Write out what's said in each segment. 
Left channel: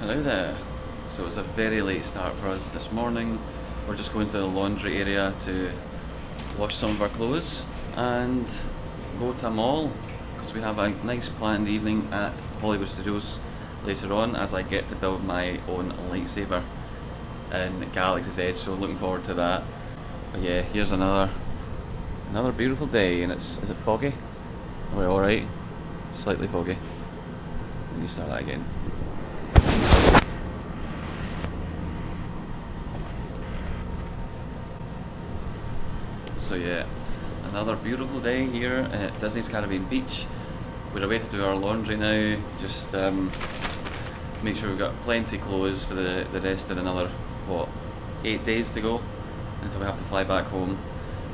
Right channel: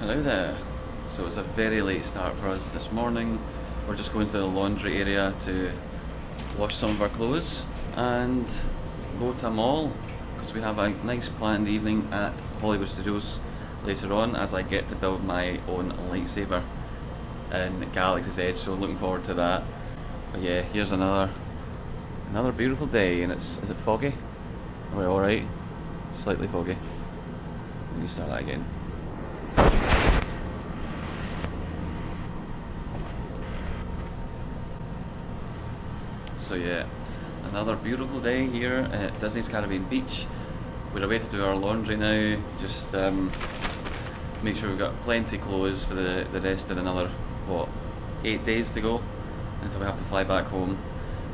Hello there. So it's a very late start for us this morning. We're just going to the laundry area to wash some of our clothes and go to a mall because we have a nice planned evening at Hollywood Studios later on as I get to build my own lightsaber in Galaxy's Edge, so looking forward to that. But yeah, here's another beautiful day, and is it foggy? Are we alright? Slightly foggy. Let me start that again. So yeah, another beautiful day here at Disney's Caribbean Beach. We're away to do our laundry now, just make sure we've got plenty of clothes for the rest of another, 8 days to go until we have to fly back home.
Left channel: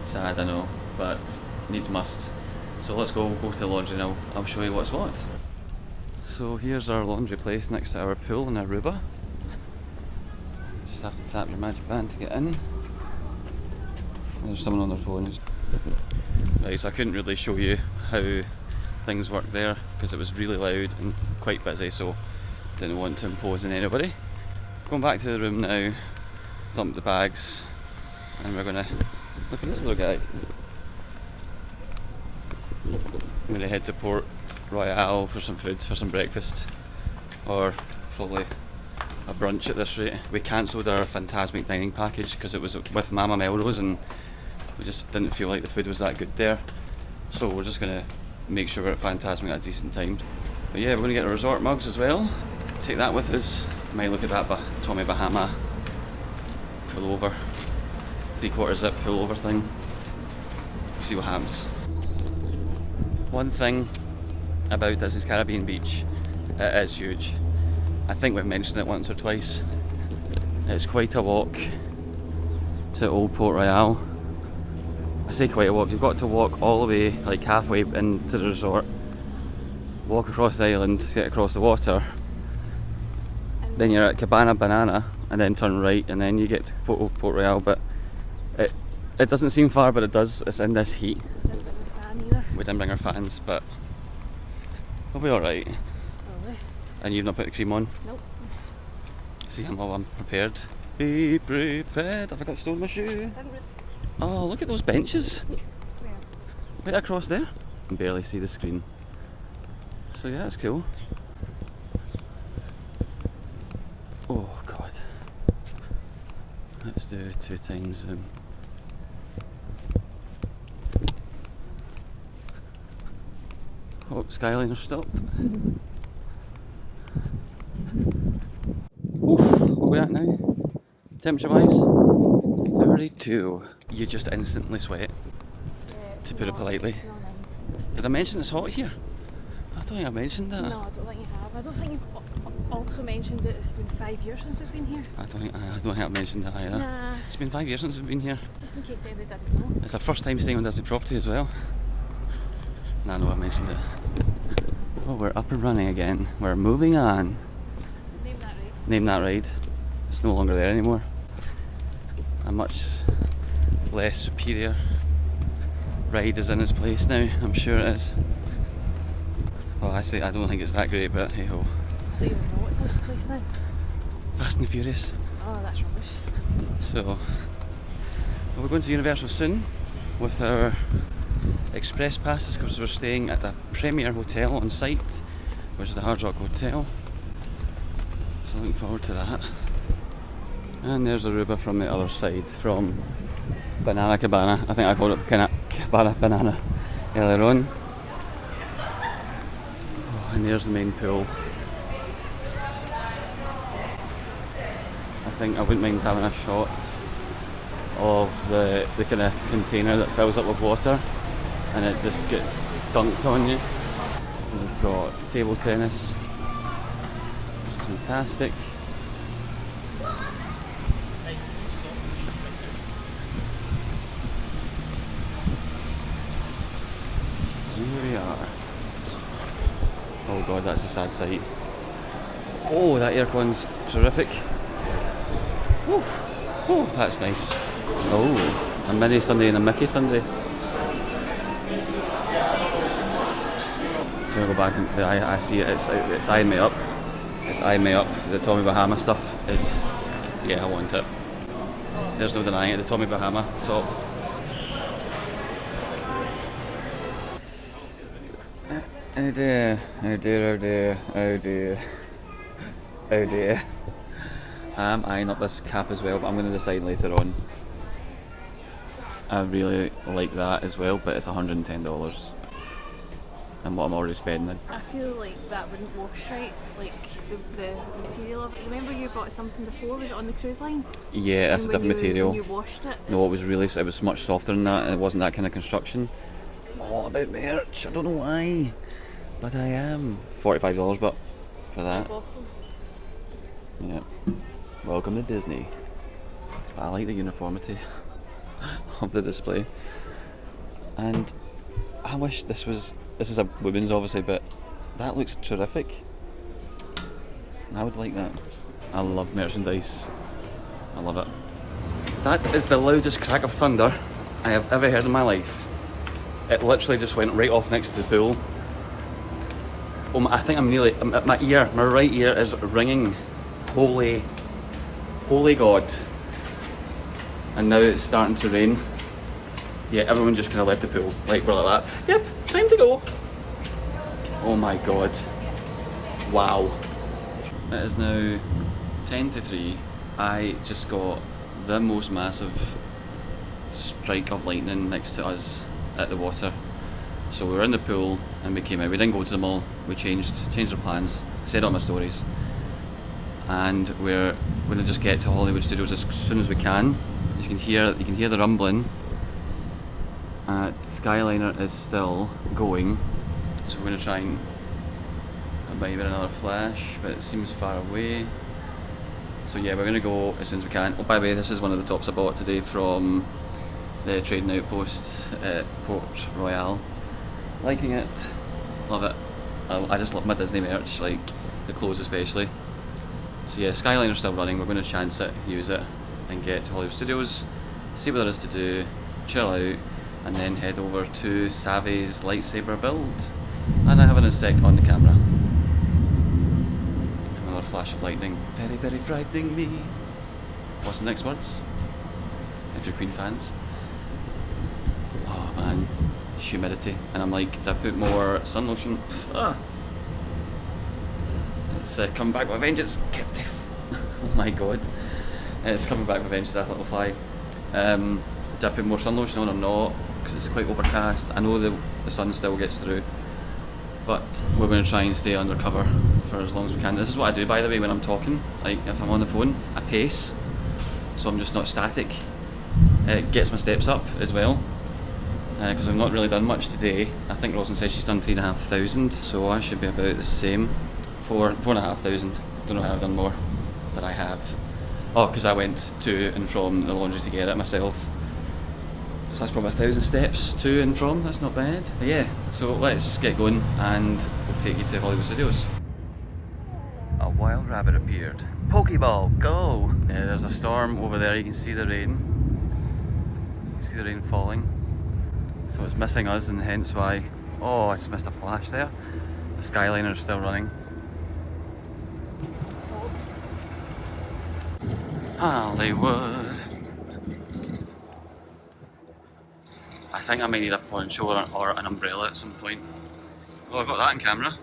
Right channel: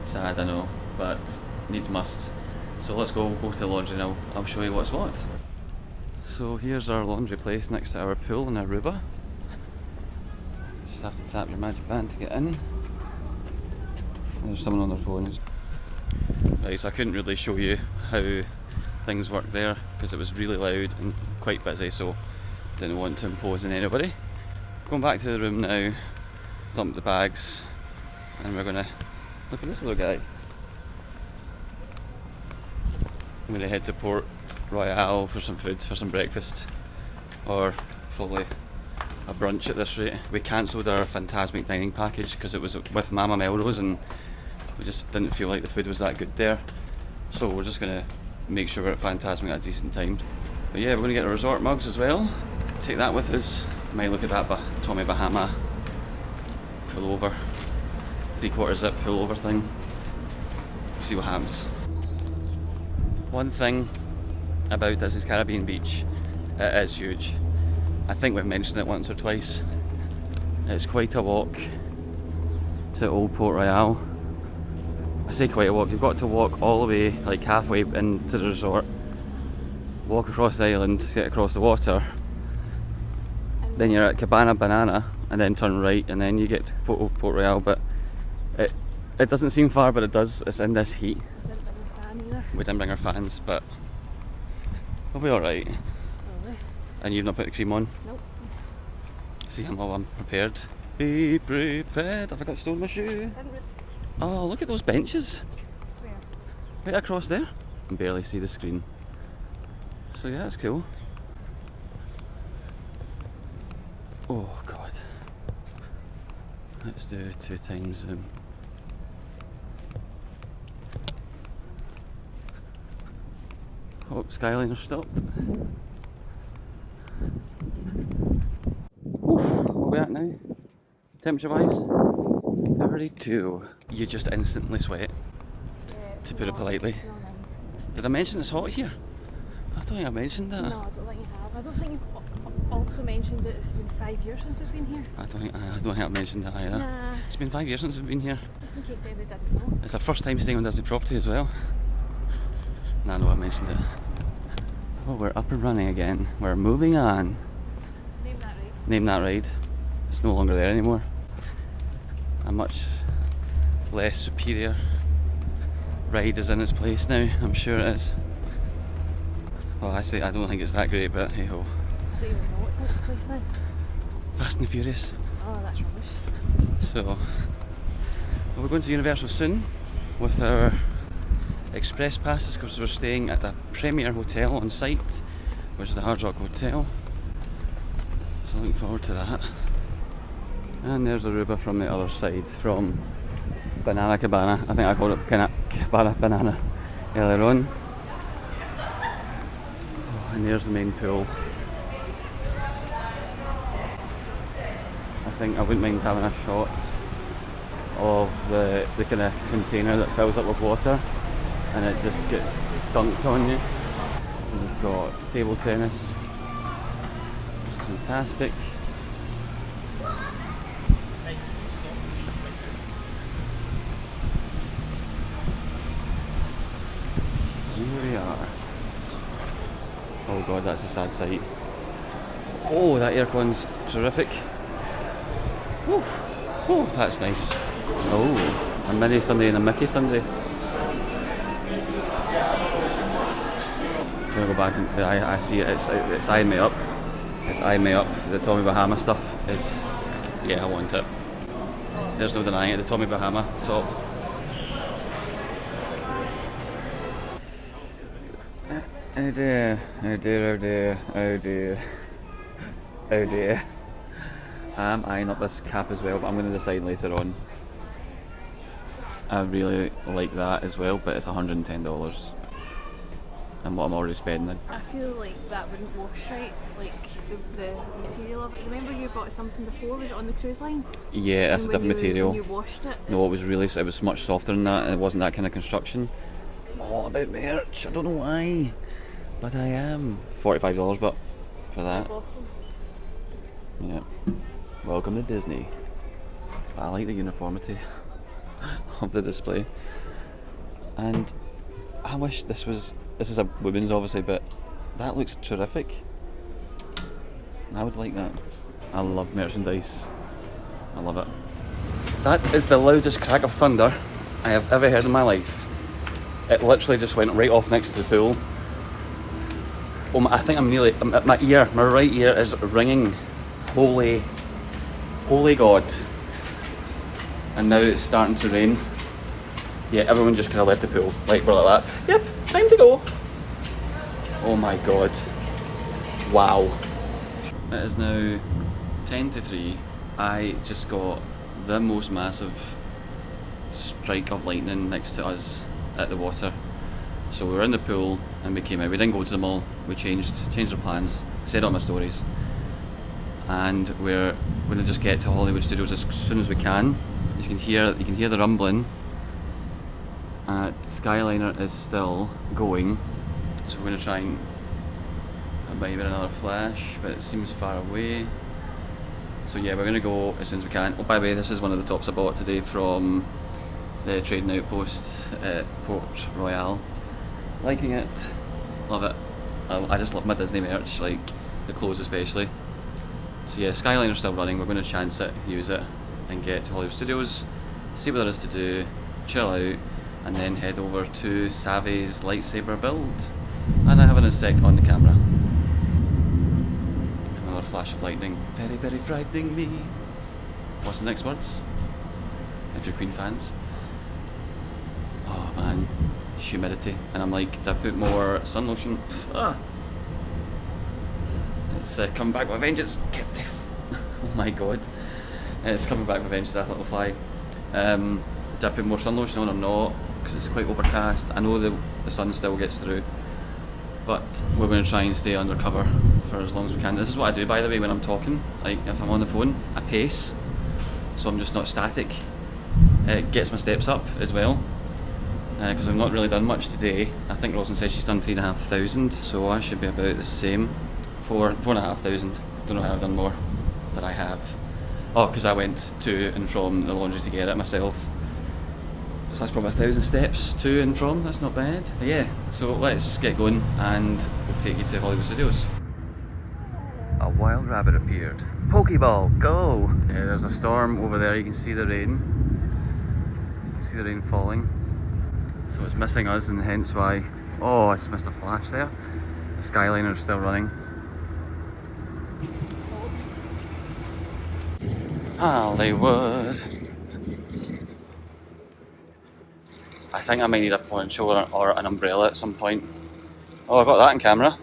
Sad, I know, but needs must. So let's go to the laundry now. I'll show you what's what. So here's our laundry place next to our pool in Aruba. Just have to tap your magic band to get in. There's someone on their phone. Right, so I couldn't really show you how things work there because it was really loud and quite busy, so didn't want to impose on anybody. Going back to the room now, dump the bags, and we're gonna look at this little guy. I'm gonna head to Port Royale for some food, for some breakfast, or probably a brunch at this rate. We cancelled our Fantasmic dining package because it was with Mama Melrose and we just didn't feel like the food was that good there. So we're just gonna make sure we're at Fantasmic at a decent time. But yeah, we're gonna get our resort mugs as well. Take that with us. Might look at that Tommy Bahama pullover, 3/4 zip pullover thing. See what happens. One thing about Disney's Caribbean Beach, it is huge. I think we've mentioned it once or twice. It's quite a walk to Old Port Royale. I say quite a walk, you've got to walk all the way, like halfway into the resort, walk across the island to get across the water, then you're at Cabana Banana, and then turn right, and then you get to Old Port Royale. But it doesn't seem far, but it does. It's in this heat. We didn't bring our fans, but we'll be alright. Probably. And you've not put the cream on? Nope. See, I'm prepared. Be prepared. Have I got stole my shoe? Oh, look at those benches. Where? Right across there. I can barely see the screen. So yeah, that's cool. Oh god. Let's do 2 times zoom. Oh, Skyline are stopped. Oof, what are we at now? Temperature wise? 32. You just instantly sweat, to put it politely. It's not nice. Did I mention it's hot here? I don't think I mentioned that. No, I don't think you have. I don't think you've also mentioned that it's been 5 years since we've been here. I don't think I mentioned that either. Nah. It's been 5 years since we've been here. Just in case anybody didn't know. It's our first time staying on Disney property as well. Nah, no, I mentioned it. Oh, we're up and running again. We're moving on. Name that right. Name that ride. It's no longer there anymore. A much less superior ride is in its place now. I'm sure it is. Well, I don't think it's that great, but hey ho. I don't even know what's in this place now. Fast and Furious. Oh, that's rubbish. So, we're going to Universal soon with our express passes because we're staying at a premier hotel on site, which is the Hard Rock Hotel. So looking forward to that. And there's Aruba from the other side, from Banana Cabana. I think I called it Cabana Banana earlier on. Oh, and there's the main pool. I think I wouldn't mind having a shot of the kind of container that fills up with water and it just gets dunked on you. And we've got table tennis, which is fantastic. Here we are. Oh god, that's a sad sight. Oh, that aircon's terrific. Oof. Oh, that's nice. Oh, a mini Sunday and a Mickey Sunday. I'm gonna go back and I see it, it's eyeing me up. It's eyeing me up. The Tommy Bahama stuff is, yeah, I want it. There's no denying it. The Tommy Bahama top. Oh dear, oh dear, oh dear, oh dear, oh dear. I'm eyeing up this cap as well, but I'm going to decide later on. I really like that as well, but it's $110. And what I'm already spending. I feel like that wouldn't wash right, like the material of it. Remember you bought something before, was it on the cruise line? Yeah, that's a different material. When you washed it? No, it was much softer than that, and it wasn't that kind of construction. All about merch, I don't know why, but I am. $45, but for that. Yeah. Welcome to Disney. I like the uniformity of the display. And I wish this is a women's obviously, but that looks terrific. I would like that. I love merchandise. I love it. That is the loudest crack of thunder I have ever heard in my life. It literally just went right off next to the pool. Oh, I think my right ear is ringing. Holy God. And now it's starting to rain. Yeah, everyone just kind of left the pool. Like, we're like that. Yep, time to go. Oh my God. Wow. It is now 10 to 3. I just got the most massive strike of lightning next to us at the water. So we were in the pool and we came out. We didn't go to the mall. We changed our plans. I said it on my stories. And we're going to just get to Hollywood Studios as soon as we can. As you can hear the rumbling. Skyliner is still going, so we're going to try and maybe another flash, but it seems far away. So yeah, we're going to go as soon as we can. Oh, by the way, this is one of the tops I bought today from the trading outpost at Port Royal. Liking it, love it. I just love my Disney merch, like the clothes especially. So yeah, Skyliner's still running. We're going to chance it, use it, and get to Hollywood Studios, see what there is to do, chill out, and then head over to Savi's lightsaber build. And I have an insect on the camera. Another flash of lightning. Very, very frightening me. What's the next words? If you're Queen fans. Oh man, humidity. And I'm like, did I put more sun lotion? It's coming back with vengeance. Oh my God. It's coming back with vengeance, that little fly. Did I put more sun lotion on or not? Because it's quite overcast. I know the sun still gets through, but we're going to try and stay undercover for as long as we can. This is what I do, by the way, when I'm talking. Like, if I'm on the phone, I pace, so I'm just not static. It gets my steps up as well, because I've not really done much today. I think Roslyn said she's done 3,500, so I should be about the same. 4,500. Don't know how I've done more, but I have. Oh, because I went to and from the laundry to get it myself. So that's probably 1,000 steps to and from. That's not bad. But yeah, so let's get going and we'll take you to Hollywood Studios. A wild rabbit appeared. Pokeball, go! Yeah, there's a storm over there. You can see the rain. You see the rain falling. So it's missing us, and hence why. Oh, I just missed a flash there. The Skyliner's still running. Hollywood. I think I may need a poncho or an umbrella at some point. Oh, I got that on camera.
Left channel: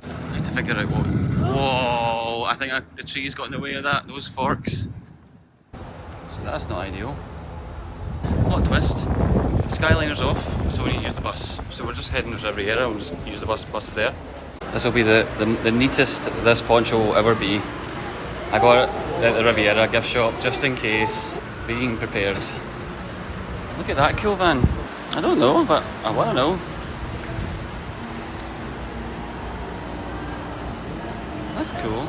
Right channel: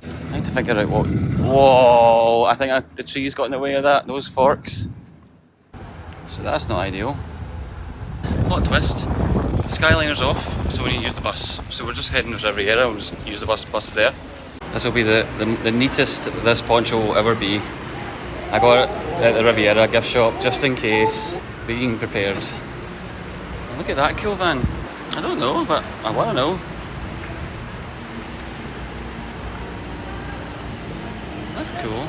I need to figure out what. Whoa! I think the trees got in the way of that. Those forks. So that's not ideal. Plot twist. Skyliner's off, so we need to use the bus. So we're just heading to Riviera. We'll just use the bus. Bus is there. This will be the neatest this poncho will ever be. I got it at the Riviera gift shop just in case. Being prepared. Look at that cool van. I don't know, but I want to know. That's cool.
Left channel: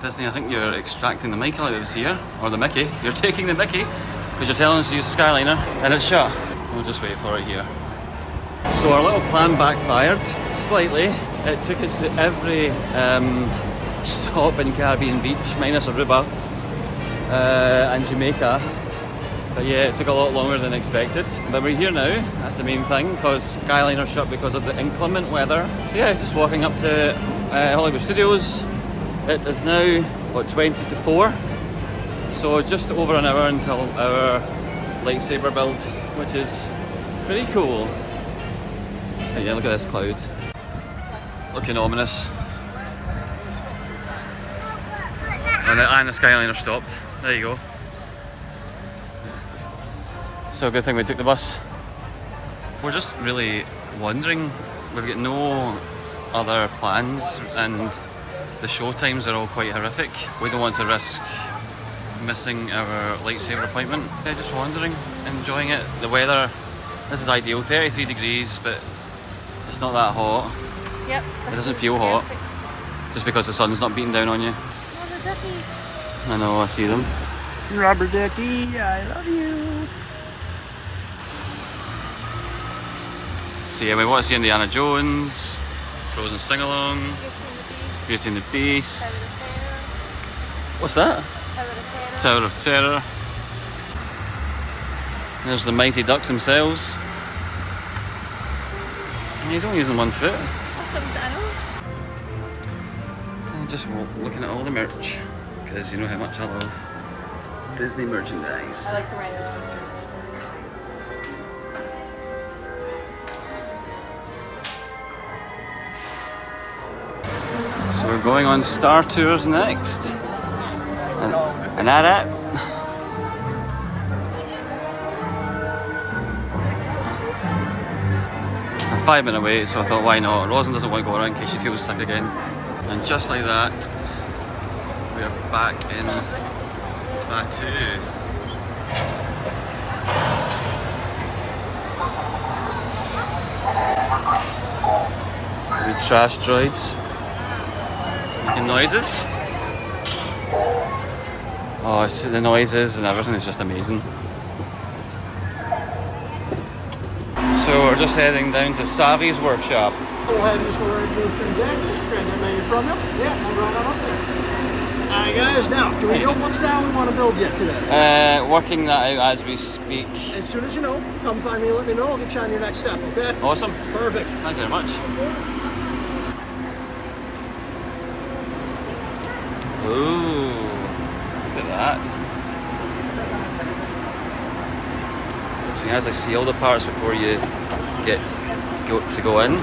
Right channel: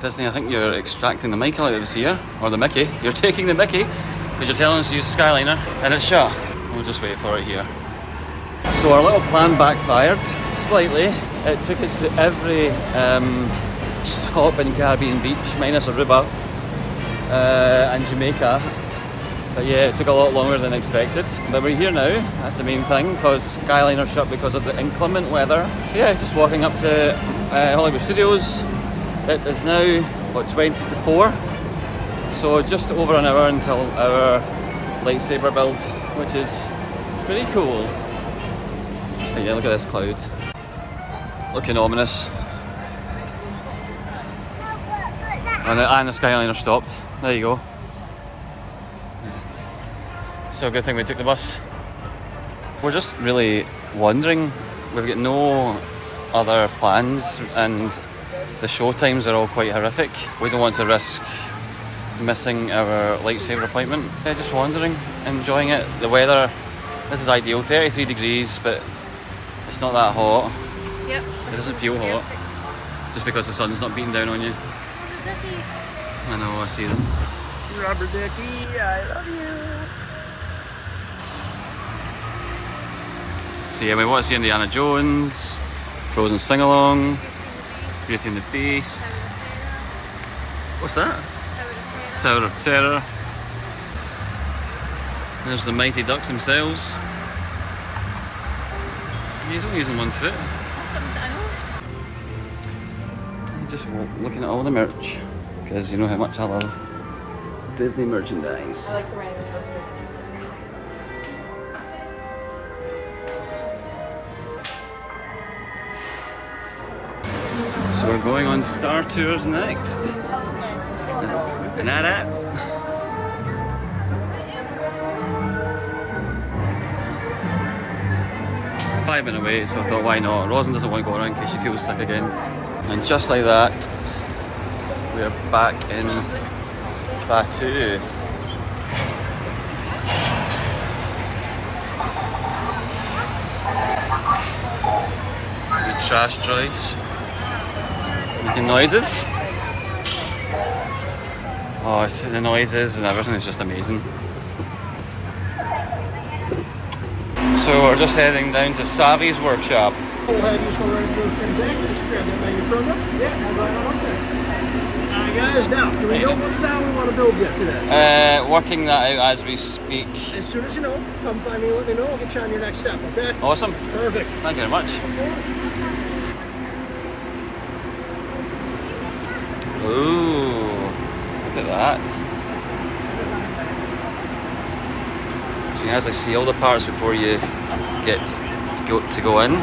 Disney, I think you're extracting the mic out of us here. Or the Mickey. You're taking the Mickey because you're telling us to use the Skyliner and it's shut. We'll just wait for it here. So our little plan backfired slightly. It took us to every stop in Caribbean Beach, minus Aruba and Jamaica. But yeah, it took a lot longer than expected. But we're here now, that's the main thing, because Skyline are shut because of the inclement weather. So yeah, just walking up to Hollywood Studios. It is now, what, 20 to 4? So just over an hour until our lightsaber build, which is pretty cool. And yeah, look at this cloud. Looking ominous. And the Skyline have stopped. There you go. So a good thing we took the bus. We're just really wondering. We've got no other plans and the show times are all quite horrific. We don't want to risk missing our lightsaber appointment. Yeah, just wandering, enjoying it. The weather, this is ideal, 33 degrees, but it's not that hot. Yep. It doesn't feel hot, just because the sun's not beating down on you. I know, I see them. Rubber Ducky, I love you. So yeah, we want to see Indiana Jones, Frozen Sing-Along, Beauty and the Beast. What's that? Tower of Terror. There's the Mighty Ducks themselves. He's only using one foot. And just looking at all the merch, because you know how much I love Disney merchandise. I like the random ones here. So we're going on Star Tours next. And that it. It's a 5-minute wait, so I thought why not? Rosin doesn't want to go around in case she feels sick again. And just like that, we're back in Batu. The trash droids making noises. Oh, it's the noises and everything is just amazing. So we're just heading down to Savi's workshop. Go ahead and just go right into transactions, grab that menu from you. Yeah, and right on up there. Alright guys, now, do we know what style we want to build yet today? Working that out as we speak. As soon as you know, come find me, let me know, I'll get you on your next step, okay? Awesome. Perfect. Thank you very much. Ooh, look at that. So you guys like see all the parts before you get to go in.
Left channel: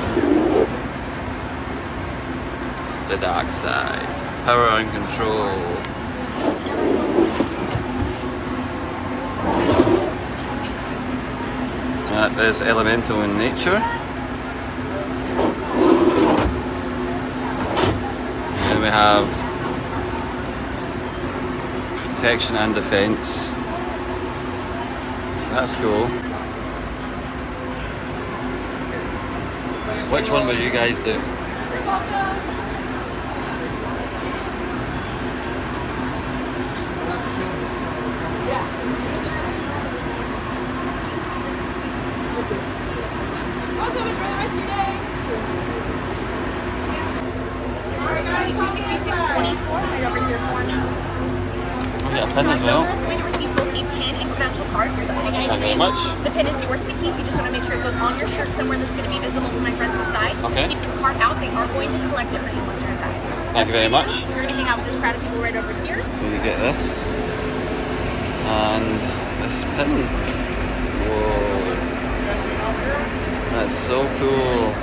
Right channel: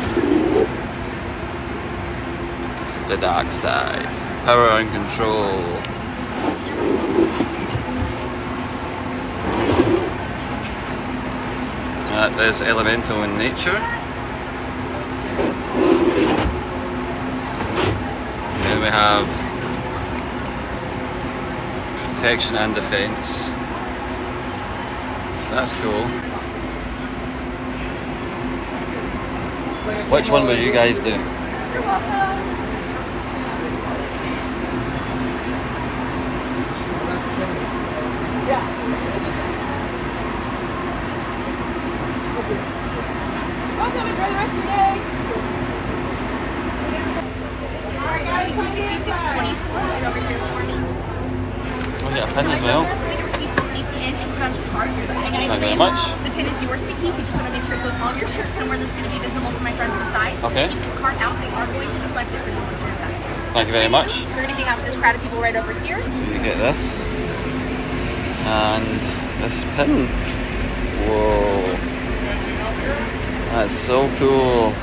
The dark side, power and control. That is elemental in nature. And then we have protection and defense. So that's cool. Which one would you guys do? I'll get a pin as well. Going to receive both the pin and credential card. Here's that. Thank you very much. The pin is yours to keep. You just want to make sure it goes on your shirt somewhere that's going to be visible for my friends inside. Okay. Keep this card out. They are going to collect it for you once you're inside. Thank you very much. You're going to hang out with this crowd of people right over here. So you get this. And this pin. Whoa. That's so cool.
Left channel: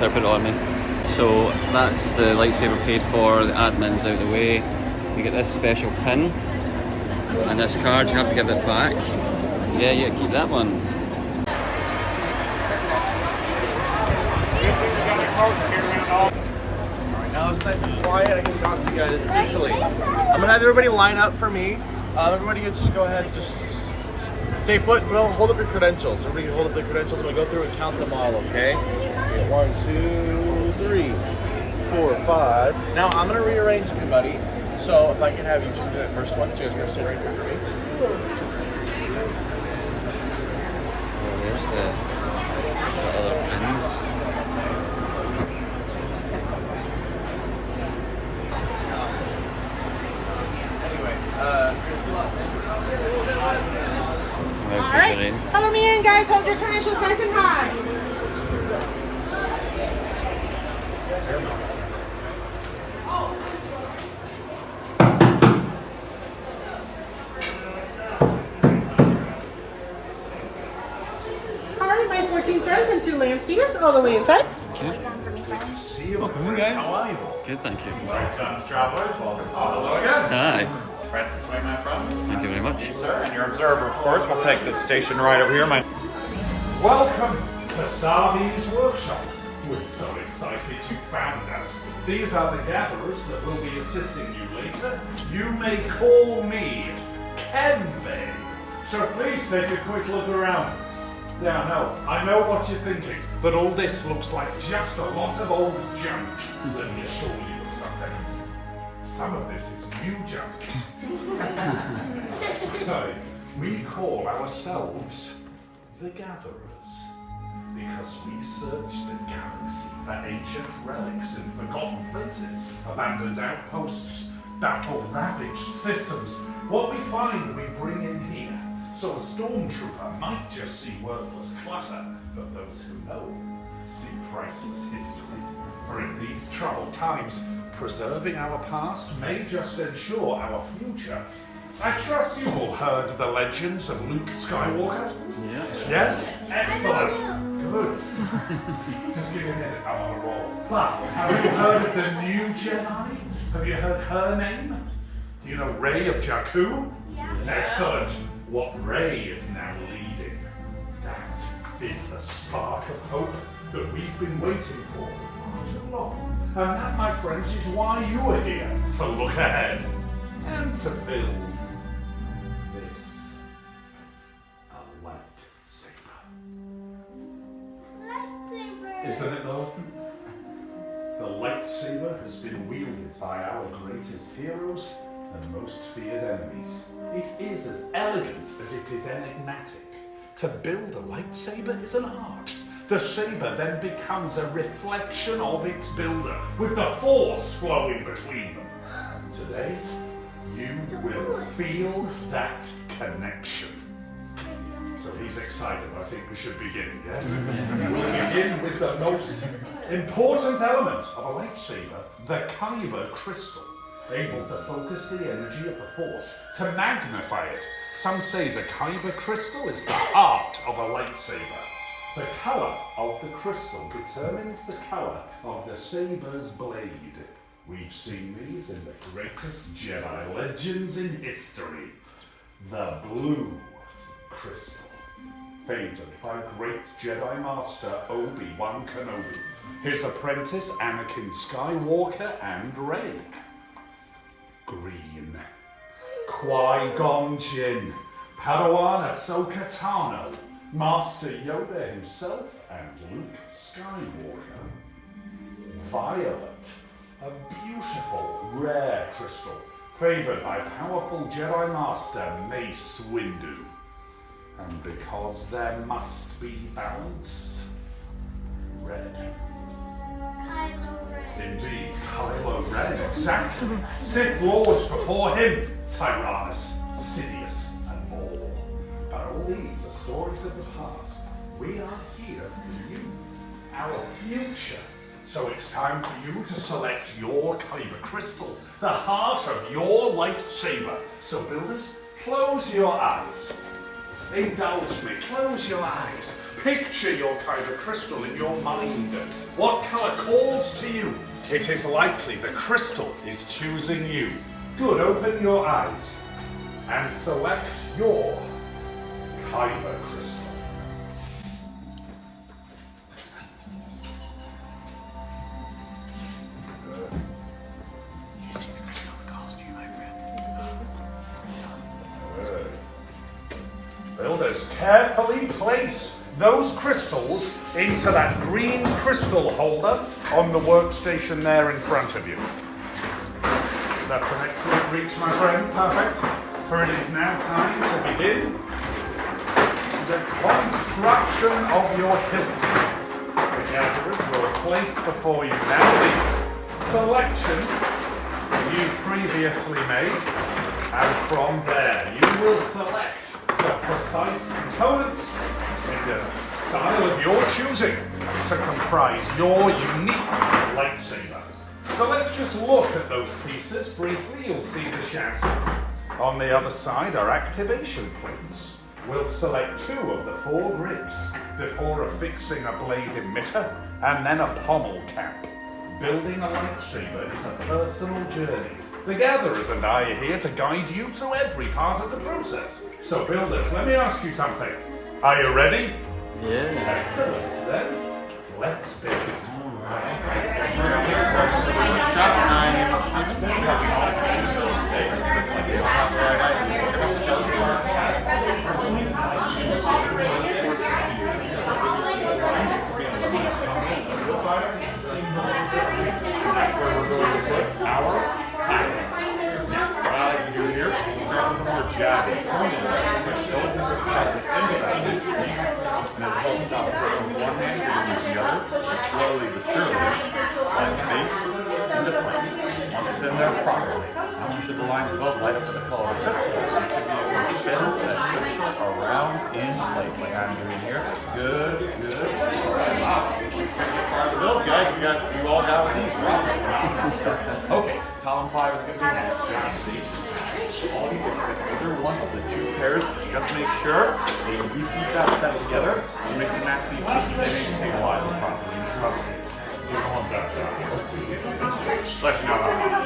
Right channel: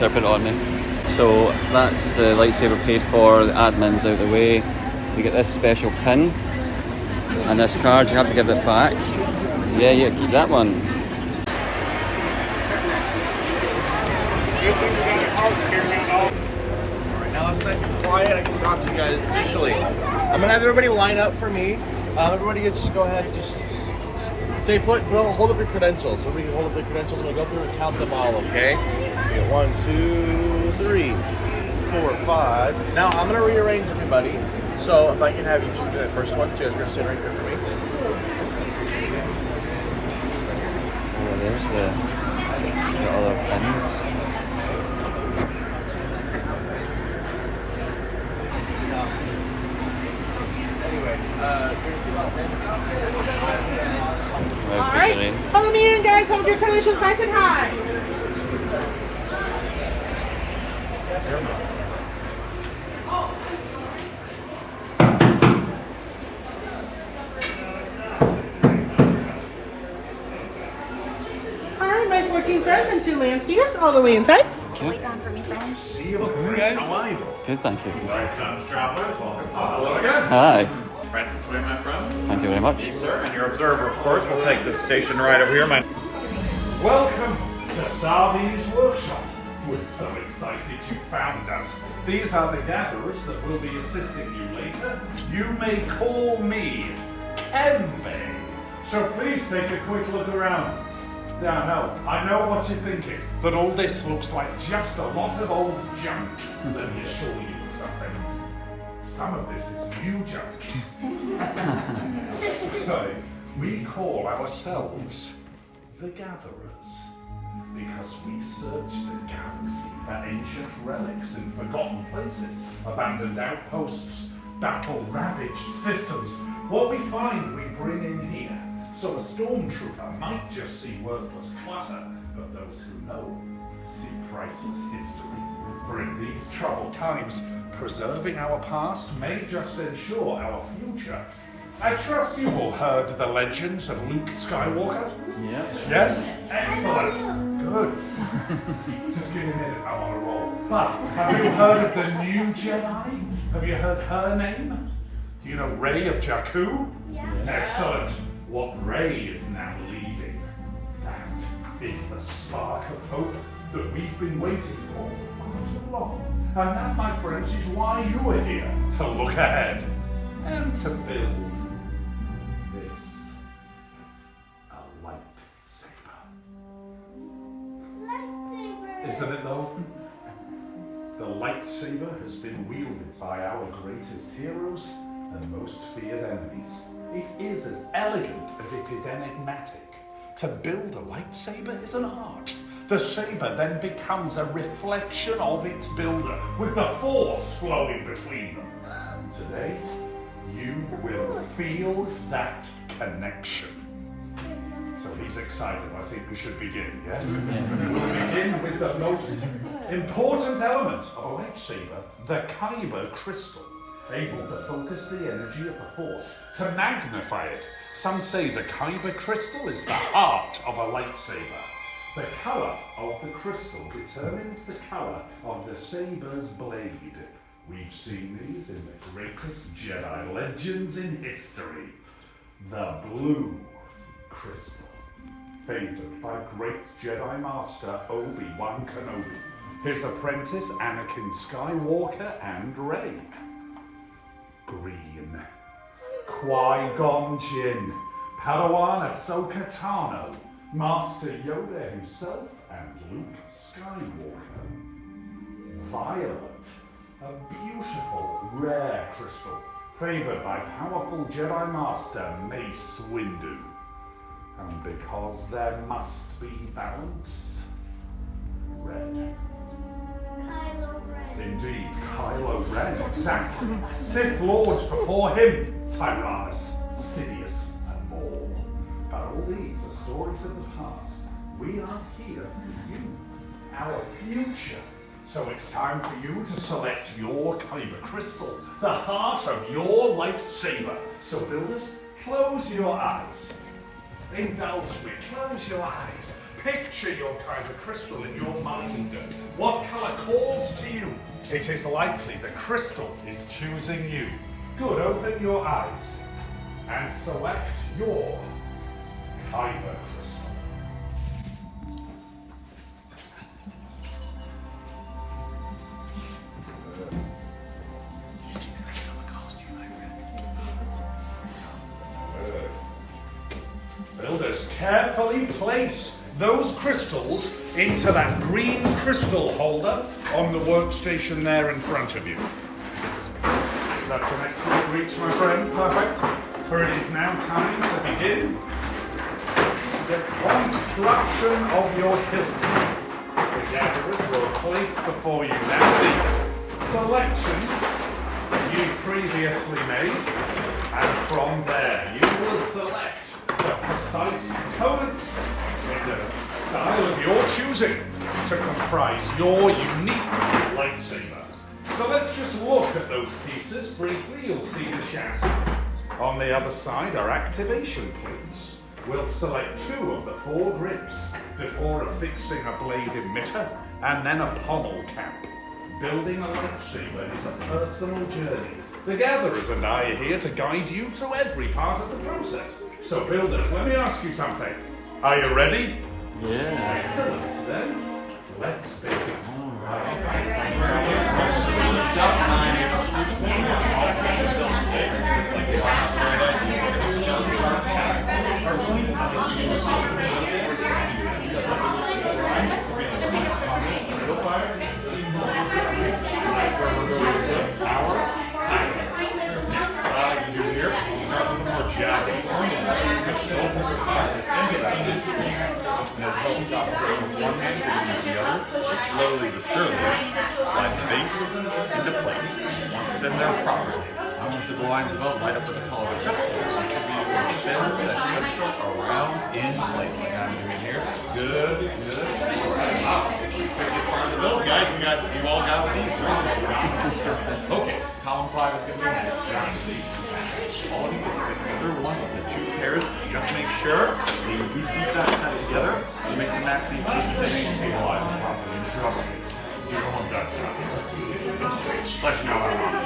Better put it on me. So that's the lightsaber paid for, the admin's out the way. You get this special pin. And this card, you have to give it back. Yeah, yeah, keep that one. Right now it's nice and quiet, I can talk to you guys officially. I'm going to have everybody line up for me. Everybody just go ahead and just stay put, hold up your credentials. Everybody can hold up their credentials and we go through and count them all, okay? We got 1, 2, 3, 4, 5. Now I'm going to rearrange everybody. So if I can have you choose the first one, so you guys are going to sit right here for me. Oh, there's the other pins. Anyway, guys hold your credentials nice and high. All right, my 14 friends and 2 land speeders all the way inside. Thank you. See you, friends. How are you? Good, thank you. Right, Sons Travelers, welcome. Oh, hello again. Hi. Right this way, my friend. Thank you very much. Sir, and your observer, of course, will take this station right over here, man. Welcome to Savi's workshop. We're so excited you found us. These are the gatherers that will be assisting you later. You may call me Kenbei. So please take a quick look around. Now, I know what you're thinking, but all this looks like just a lot of old junk. Let me assure you of something. Some of this is new junk. Right. We call ourselves the Gatherers because we search the galaxy for ancient relics in forgotten places, abandoned outposts, battle-ravaged systems. What we find, we bring in here. So a stormtrooper might just see worthless clutter, but those who know see priceless history. For in these troubled times, preserving our past may just ensure our future. I trust you've all heard the legends of Luke Skywalker? Yeah. Yes? Excellent. Good. Just give me a minute, I want to roll. But have you heard of the new Jedi? Have you heard her name? Do you know Rey of Jakku? Yeah. Excellent. What Rey is now leading, that is the spark of hope that we've been waiting for far too long. And that, my friends, is why you are here, to look ahead and to build this. A lightsaber. Lightsaber! Isn't it though? The lightsaber has been wielded by our greatest heroes and most feared enemies. It is as elegant as it is enigmatic. To build a lightsaber is an art. The saber then becomes a reflection of its builder, with the force flowing between them. And today, you will feel that connection. So he's excited. I think we should begin, yes? We'll begin with the most important element of a lightsaber, the kyber crystal. Able to focus the energy of the force, to magnify it. Some say the kyber crystal is the heart of a lightsaber. The color of the crystal determines the color of the saber's blade. We've seen these in the greatest Jedi legends in history. The blue crystal, favored by great Jedi Master Obi-Wan Kenobi, his apprentice Anakin Skywalker and Rey. Green, Qui-Gon Jinn, Padawan Ahsoka Tano, Master Yoda himself, and Luke Skywalker. Violet, a beautiful, rare crystal, favored by powerful Jedi Master Mace Windu. And because there must be balance, red. Indeed, Kylo Ren, exactly. Sith Lords before him, Tyrannus, Sidious, and more. But all these are stories of the past. We are here for you, our future. So it's time for you to select your kyber crystal, the heart of your lightsaber. So builders, close your eyes. Indulge me, close your eyes. Picture your kyber crystal in your mind. What color calls to you? It is likely the crystal is choosing you. Good, open your eyes and select your kyber crystal. Builders, carefully place those crystals into that green crystal holder on the workstation there in front of you. That's an excellent reach, my friend. Perfect. For it is now time to begin the construction of your hips. The gatherers will place before you now the selection you previously made. And from there, you will select the precise components in the style of your choosing to comprise your unique lightsaber. So let's just look at those pieces briefly. You'll see the chassis. On the other side are activation points. We'll select 2 of the 4 grips before affixing a blade emitter and then a pommel cap. Building a lightsaber is a personal journey. The Gatherers and I are here to guide you through every part of the process. So builders, let me ask you something. Are you ready? Yeah. Excellent, then let's build it. That's where we're going to put our packet. Now, you do here, start with a more jagged, which goes into that. And as well as with one hand, you're going to use the other, slowly but surely, slide the base into place. Once it's in there properly. Now, once the lines above light up to the color of the crystal, you should be able to spin that crystal around in place, like I'm doing here. Good, good. Wow. Part of the build, guys. You all got with these, right? Okay, column 5 is going to be next. All of you either one of the 2 pairs. Just make sure that you repeat that set together to mix and match these pieces. They need to stabilize properly. And trust me, you don't want that stuff. Let you know how much.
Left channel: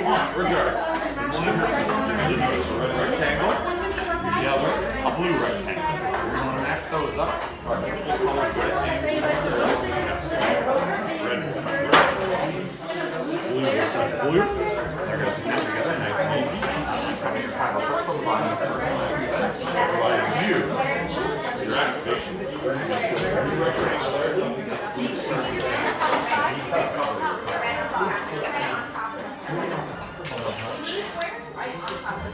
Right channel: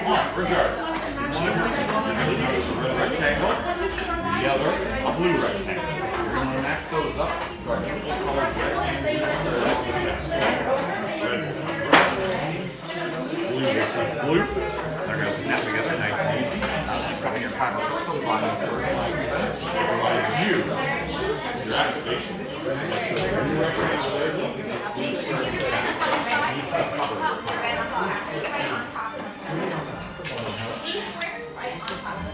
Come on, regard. You're going to notice a red rectangle, the other a blue rectangle. You're going to match those up. Red will become blue will become blue. They're going to snap together nice and easy. Not like cutting your fiber crystal the bottom of the first providing you your activation.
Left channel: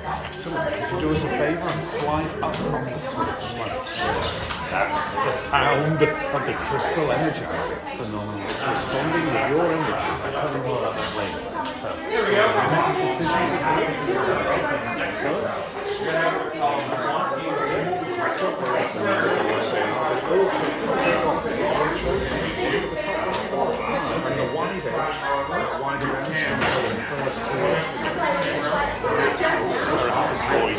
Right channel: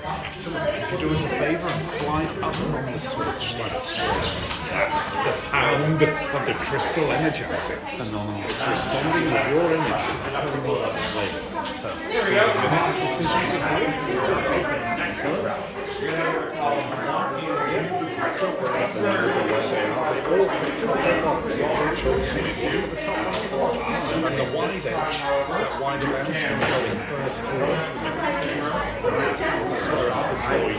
Absolutely. If you do us a favor and slide up on the switch like so. That's the sound of the crystal energizing. It's responding with your images. I tell you what, here we go. The next decisions are and the wide edge, wider ends can go in first towards the sort of controlled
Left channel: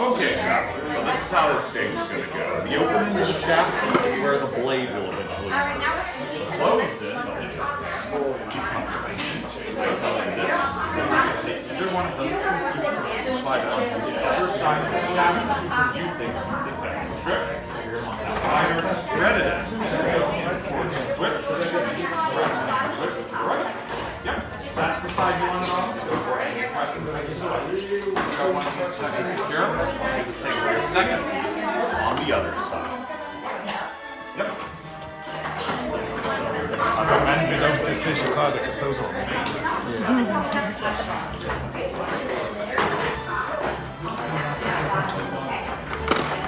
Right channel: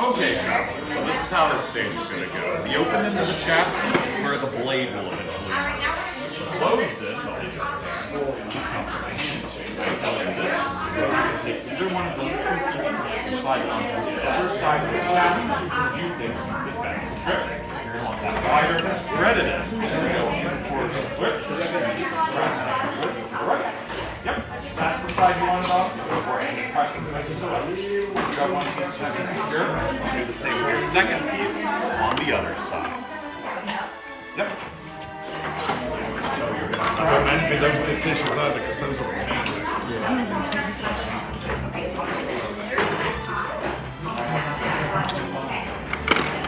Okay, travelers, so this is how this stage is going to go. The opening of the chassis is where the blade will eventually be. The closed end will just become like this. So you take either one of those 2 pieces and slide it onto the other side of the chassis. You think back to the trip. You're going to want that wider, threaded end to go in towards the switch. Right. Yep. That's the side you want it on. Go for it. Any questions about the select? Once you got one piece nice and secure, do the same for your second piece on the other side. Yep. I don't envy those decisions either, because those were amazing.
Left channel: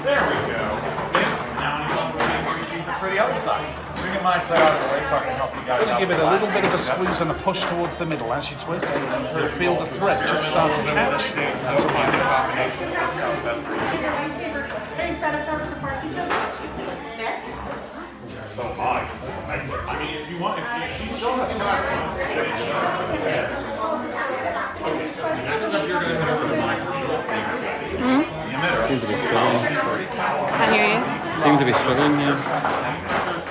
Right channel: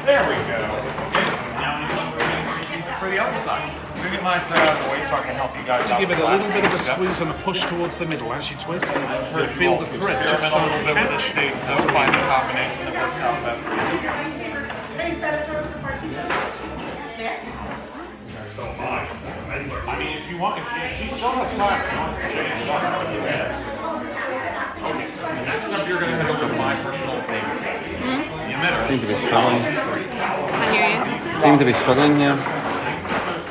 There we go. Now you want for the other side. We can line that out of the way so I can help you guys out. Give it a little bit of a squeeze and a push towards the middle as you twist. You'll feel the thread just start to catch. That's find a combination that works out best for you. So high. That's amazing. I mean, if you want, if she still has time, if you want to change it up. Okay, so next up you're going to go to my personal favorite. The emitter. Seems to be struggling. Can't hear you. Seems to be struggling, yeah.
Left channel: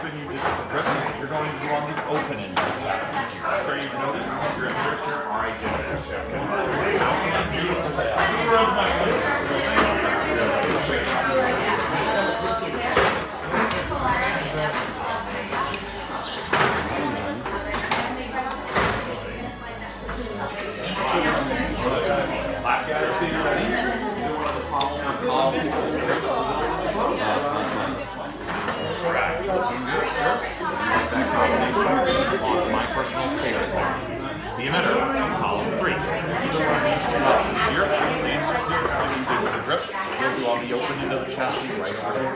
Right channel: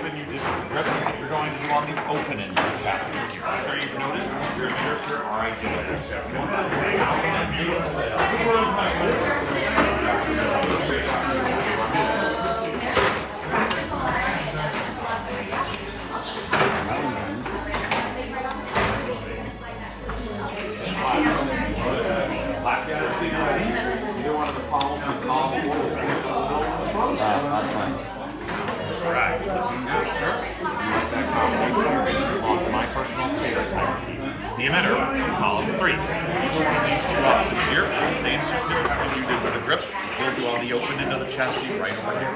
When you did the grip, you're going to go on the open end of the chassis. Sure, you've noticed your emitters here are identical. Last guy to see either one of the columns or columns That's fine. Right. Looking good, sir. Use that combination on my personal favorite thing. The emitter in column 3. Either one of these 2 options here, the same secure as you did with the grip, will do on the open end of the chassis right over here.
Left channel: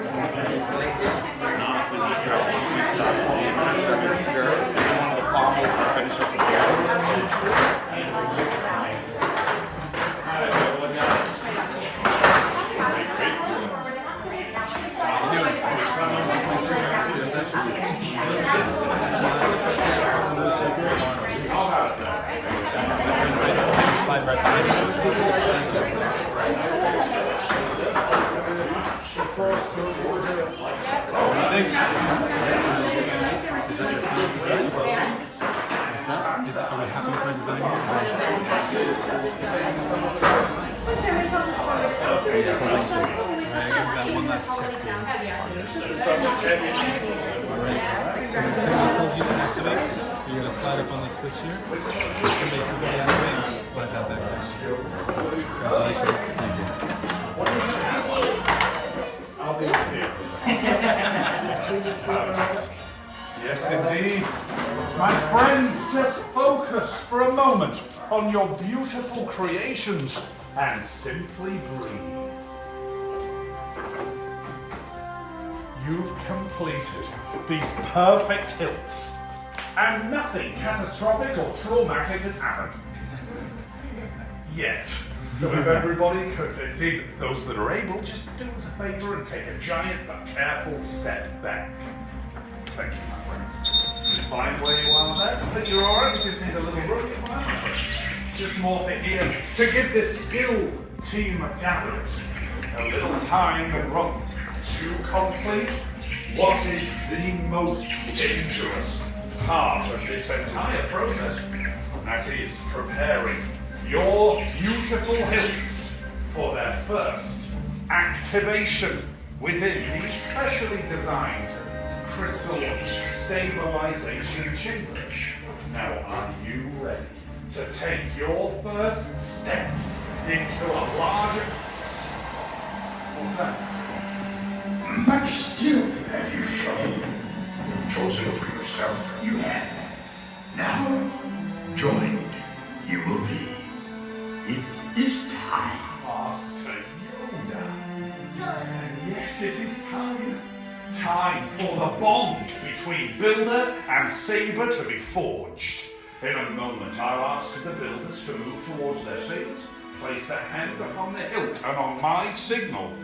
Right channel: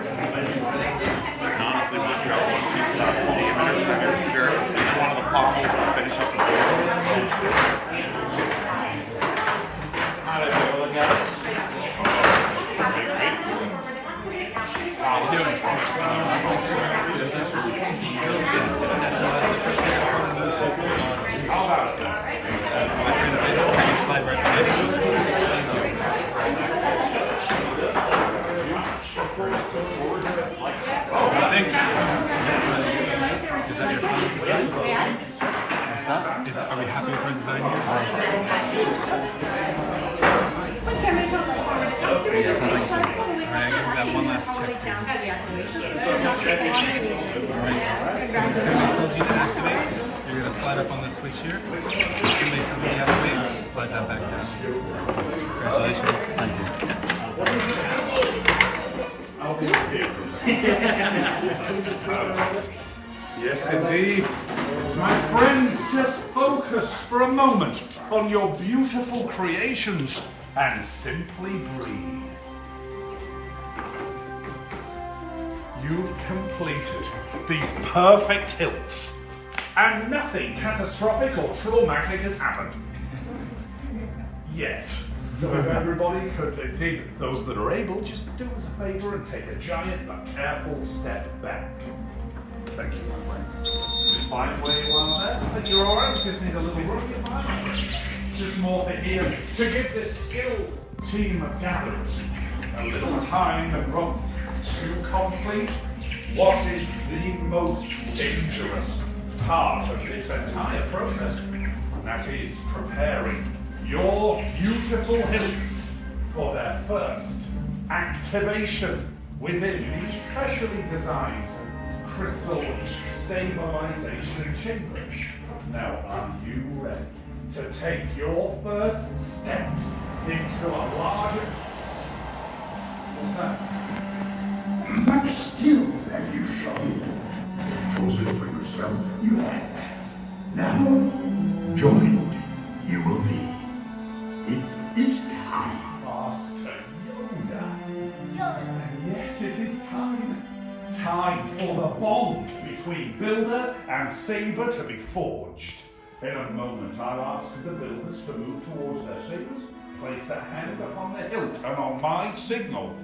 Honestly, look at all the two stops in the administrator chair, and one of the pommels to finish up the board. How you doing? How about it then? Is that your final design? What's that? Are we happy with our design here? Yes, I think so. Alright, I've got one last check here. Alright, so when it tells you to activate, you're going to slide up on the switch here. Somebody says deactivate, slide that back down. Congratulations. Thank you. Yes, indeed. My friends, just focus for a moment on your beautiful creations and simply breathe. You've completed these perfect hilts, and nothing catastrophic or traumatic has happened. Yet. So if everybody could, indeed, those that are able, just do us a favor and take a giant but careful step back. Thank you, my friends. Just find where you are there. I think you're all right. We just need a little room. It's just more for here to give this skilled team of gatherers a little time and room to complete what is the most dangerous part of this entire process, and that is preparing your beautiful hilts for their first activation within these specially designed crystal stabilization chambers. Now, are you ready to take your first steps into a larger... What's that? Much skill have you shown. Chosen for yourself, you have. Now, joined you will be. It is time. Master Yoda. And yes, it is time. Time for the bond between Builder and Saber to be forged. In a moment, I'll ask the builders to move towards their sabers, place a hand upon the hilt, and on my signal,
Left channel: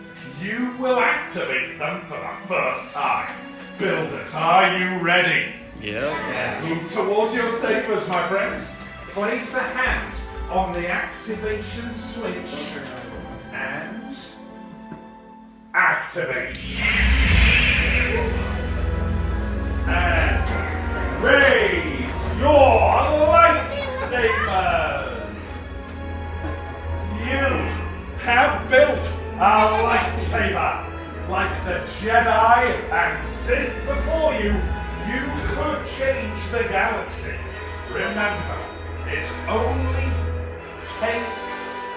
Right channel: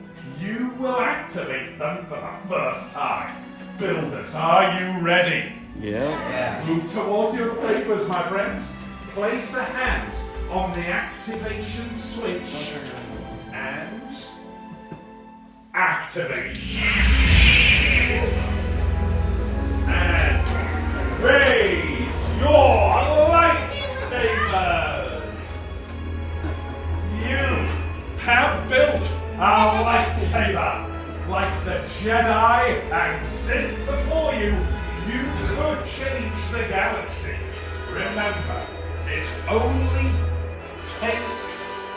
you will activate them for the first time. Builders, are you ready? Yeah. Move towards your sabers, my friends. Place a hand on the activation switch and activate. And raise your lightsabers. You have built a lightsaber. Like the Jedi and Sith before you, you could change the galaxy. Remember, it only takes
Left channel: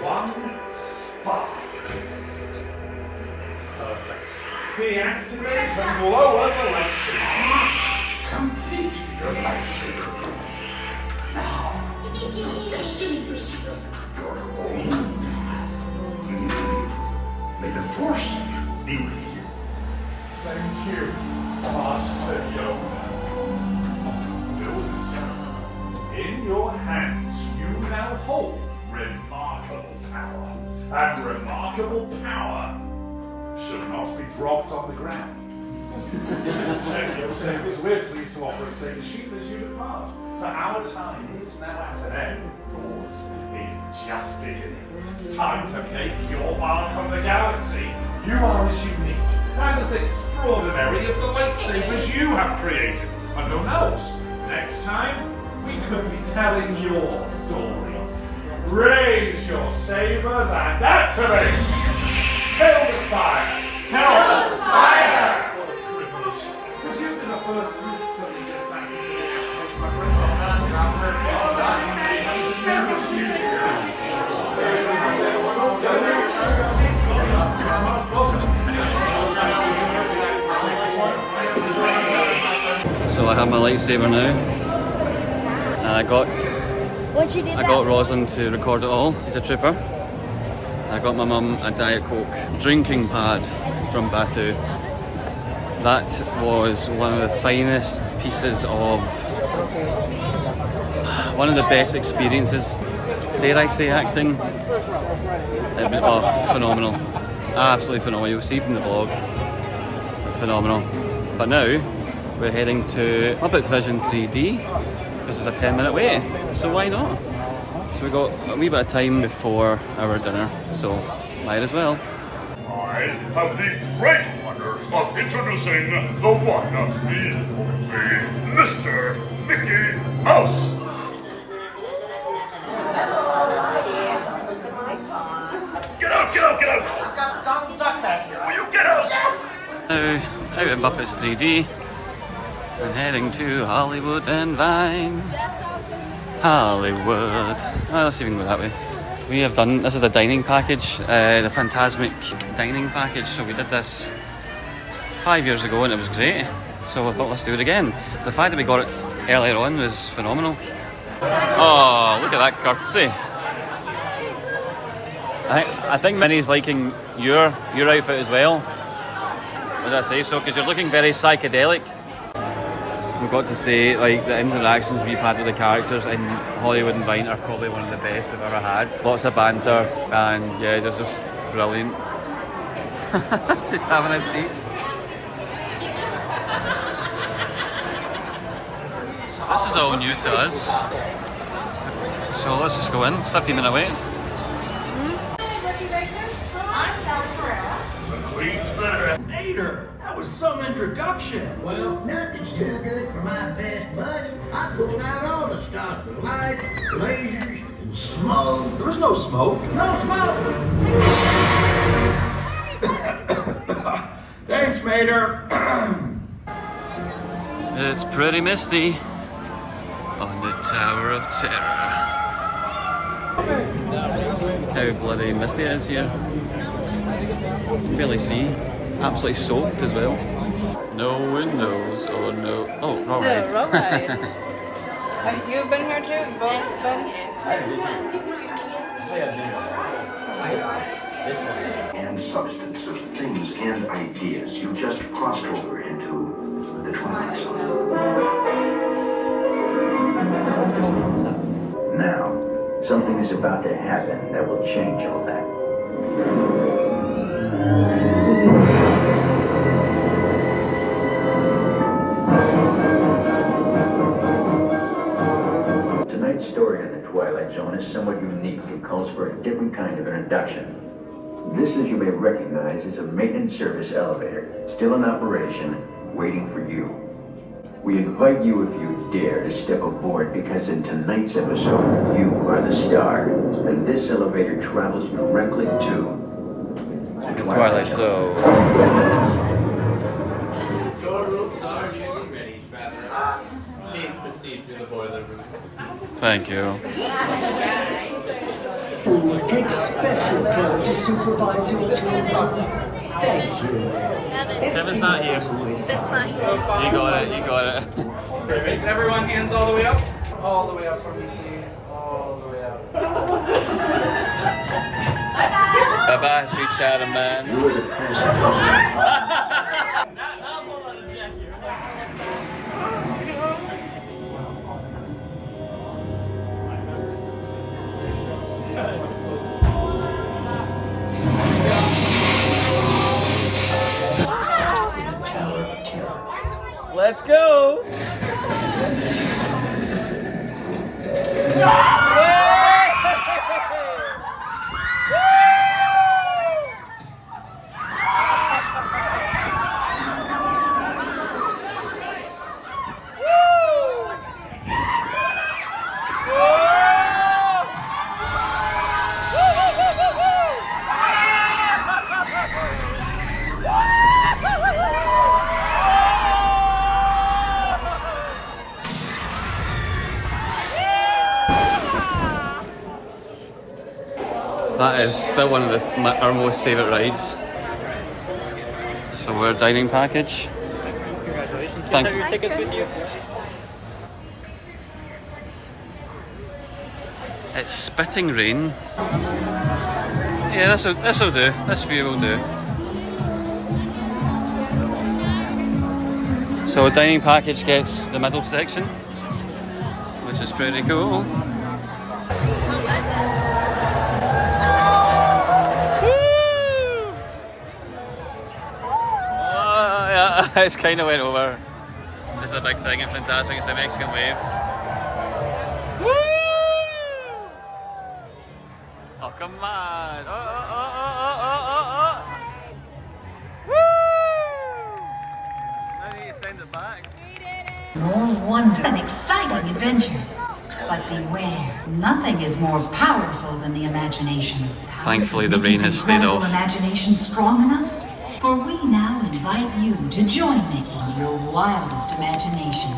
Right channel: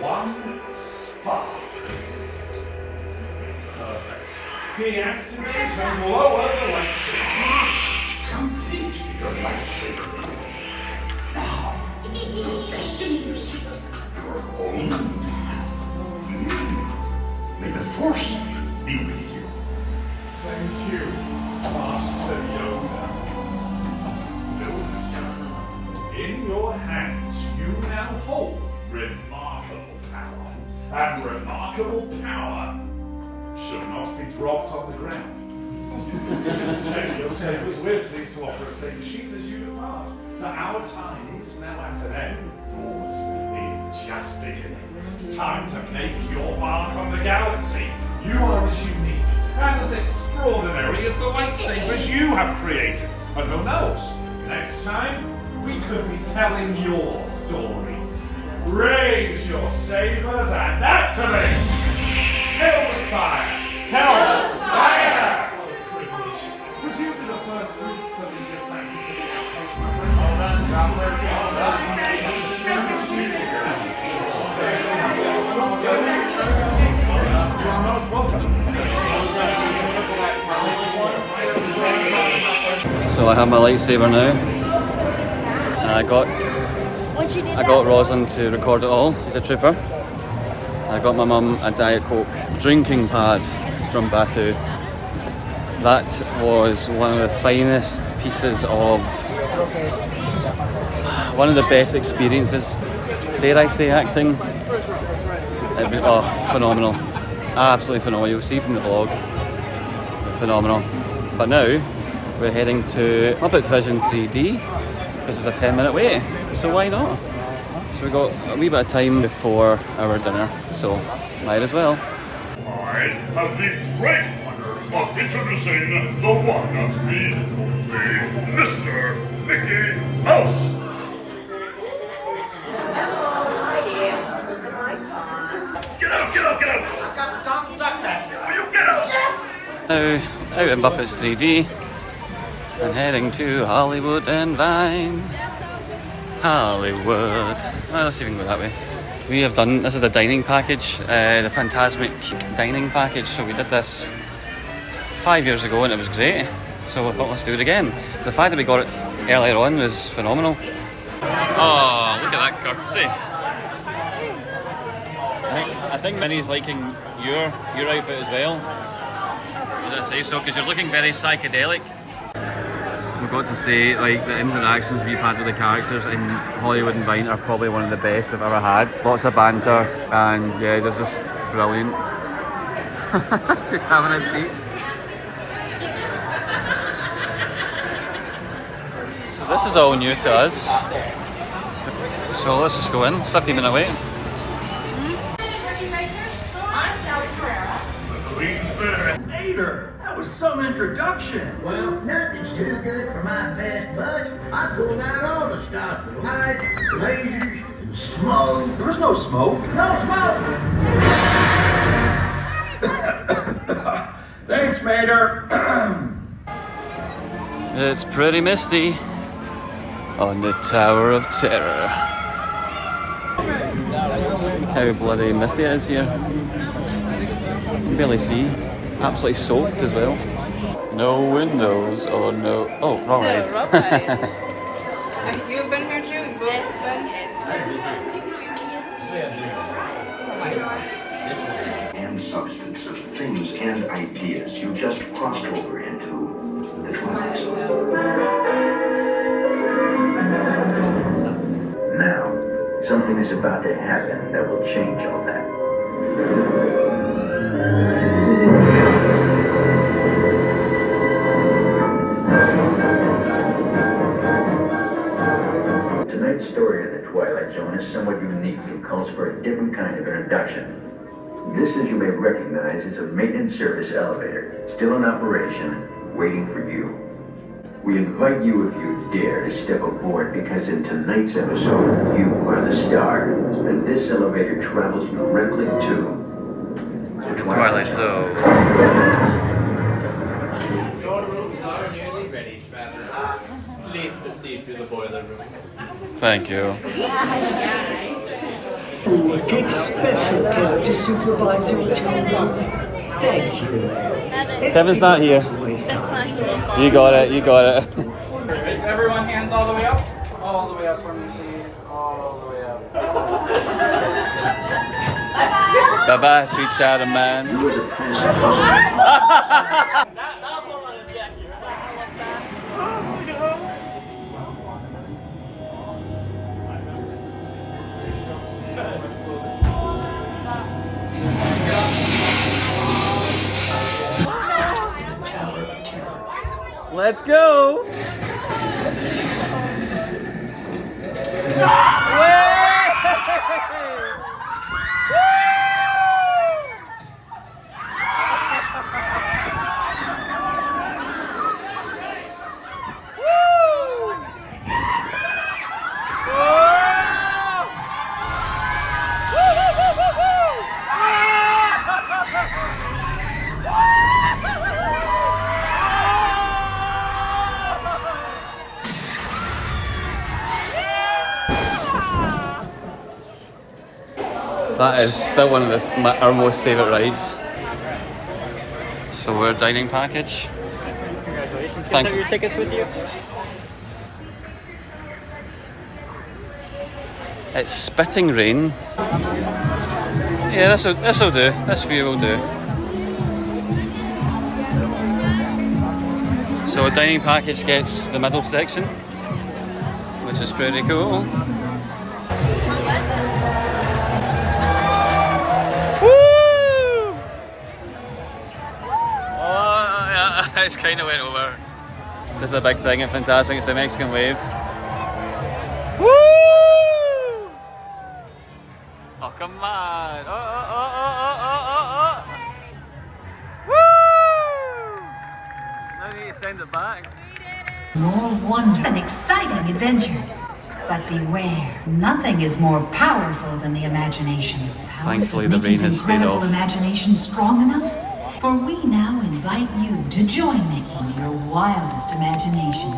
one spark. Perfect. Deactivate and lower the lightsaber. Complete your lightsaber use. Now, your destiny is your own path. May the Force be with you. Thank you, Master Yoda. Builders, in your hands you now hold remarkable power. And remarkable power should not be dropped on the ground. Your sabers, we're pleased to offer a saber sheath as you depart. For our time is now at an end. Yours is just beginning. It's time to make your mark on the galaxy. You are as unique and as extraordinary as the lightsabers you have created. And who knows, next time we could be telling your stories. Raise your sabers and activate! Tell the Spire! Tell the Spire! What a privilege. Would you be the first group studying this back into the outpost, my friends? So I have my lightsaber now. And I got Rosalind to record it all. She's a trooper. I got my mum a Diet Coke drinking pad from Batu. That was one of the finest pieces of, one of the best experiences, dare I say, acting. It was phenomenal, absolutely phenomenal. You'll see from the vlog, phenomenal. But now we're heading to Muppet Vision 3D because it's a 10-minute wait, so why not? So we got a wee bit of time before our dinner, so might as well. I have the great honor of introducing the one, the Mr. Mickey Mouse. Get out, get out, get out! Will you get out? Now, out in Muppets 3D and heading to Hollywood and Vine. Hollywood. Well, let's even go that way. We have done, this is the dining package, the Fantasmic dining package. So we did this 5 years ago and it was great. So we thought, let's do it again. The fact that we got it earlier on was phenomenal. Oh, look at that courtesy. I think Minnie's liking your outfit as well. Would I say so? Because you're looking very psychedelic. We've got to say, like, the interactions we've had with the characters in Hollywood and Vine are probably one of the best we've ever had. Lots of banter, and yeah, they're just brilliant. Just having a seat. So this is all new to us. So let's just go in. 15-minute wait. Mater, that was some introduction. Well, nothing's too good for my best buddy. I pulled out all the stops with lights, lasers, and smoke. There was no smoke. No smoke! Thanks, Mater. It's pretty misty on the Tower of Terror. How bloody misty it is here. You can barely see. Absolutely soaked as well. No windows or no... Oh, wrong ride. Have you been here too? And substance of things and ideas. You just crossed over into the Twilight Zone. Now, something is about to happen that will change all that. Tonight's story in the Twilight Zone is somewhat unique and calls for a different kind of introduction. This, as you may recognize, is a maintenance service elevator, still in operation, waiting for you. We invite you, if you dare, to step aboard because in tonight's episode, you are the star. And this elevator travels directly to the Twilight Zone. Your rooms are nearly ready, travelers. Please proceed to the boiler room. Thank you. Take special care to supervise your children. Thank you. Kevin's not here. You got it, you got it. Everyone, hands all the way up. All the way up for me, please. All the way up. Bye-bye, sweet shadow man. Let's go! That is still one of our most favourite rides. So we're a dining package. Congratulations. Thank Have your tickets with you. It's spitting rain. Yeah, this'll do. This view will do. So dining package gets the middle section, which is pretty cool. It's kind of went over. This is a big thing in Fantasmic, it's a Mexican wave. Woo! Oh, come on! Woo! Now you need to send it back. More wonder, an exciting adventure. But beware, nothing is more powerful than the imagination. Thankfully, the rain has stayed off. Imagination strong enough? For we now invite you to join Mickey in your wildest imagination.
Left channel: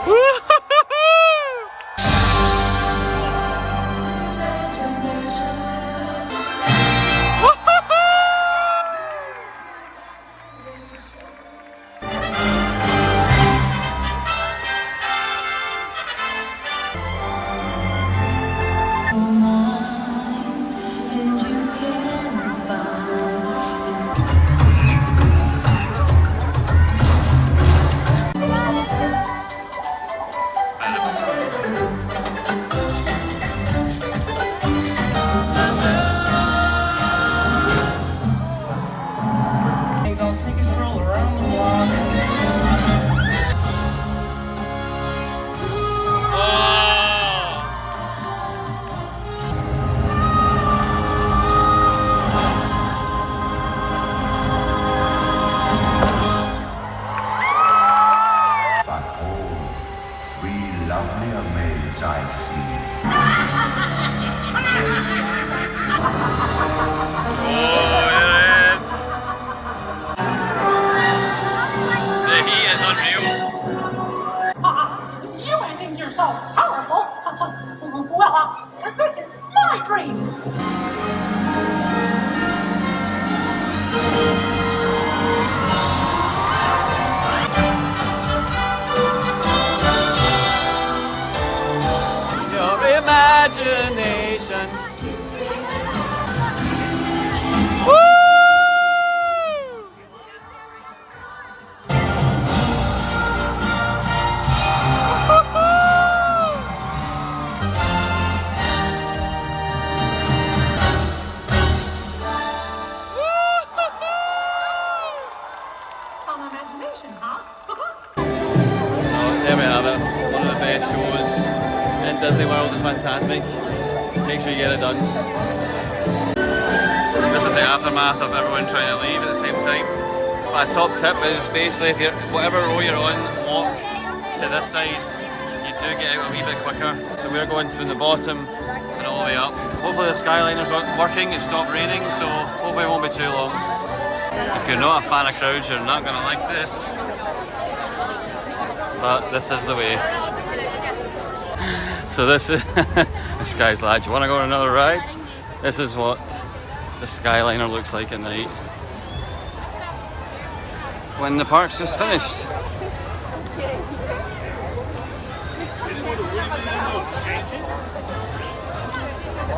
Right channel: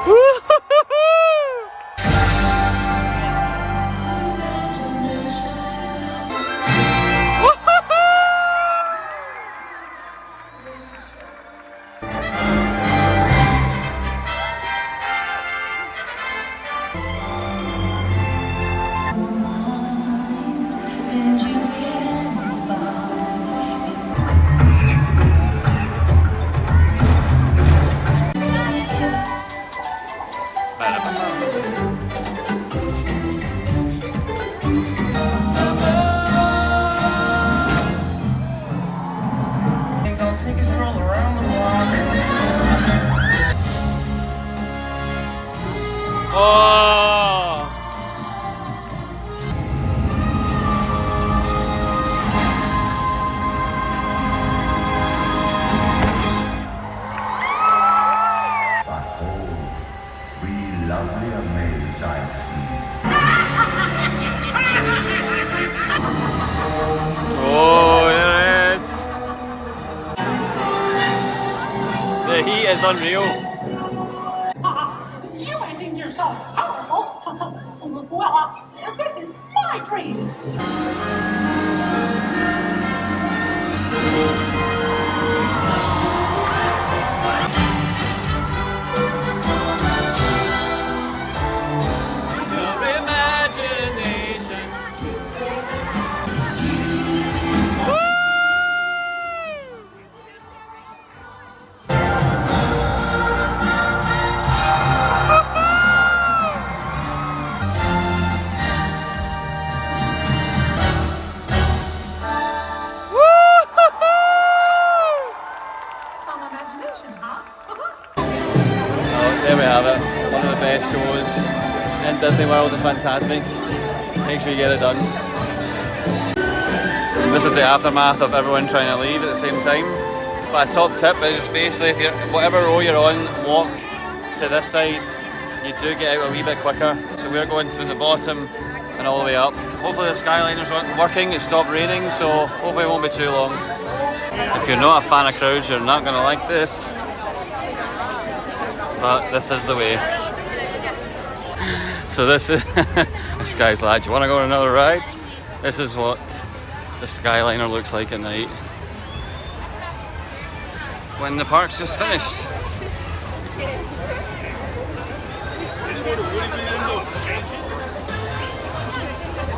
Take a stroll around the block. Behold, 3 lovelier maids I see. Oh, yes! The heat is unreal. You think you're so powerful? Well, this is my dream. Your imagination. Some imagination, huh? Oh, there we have it. One of the best shows in Disney World is Fantasmic. Make sure you get it done. This is the aftermath of everyone trying to leave at the same time. My top tip is basically if you, whatever row you're on, walk to this side. You do get out a wee bit quicker. So we're going to the bottom and all the way up. Hopefully the Skyliner's working, it stopped raining, so hopefully it won't be too long. If you're not a fan of crowds, you're not going to like this. But this is the way. So this is, this guy's like, do you want to go on another ride? This is what the Skyliner looks like at night when the park's just finished.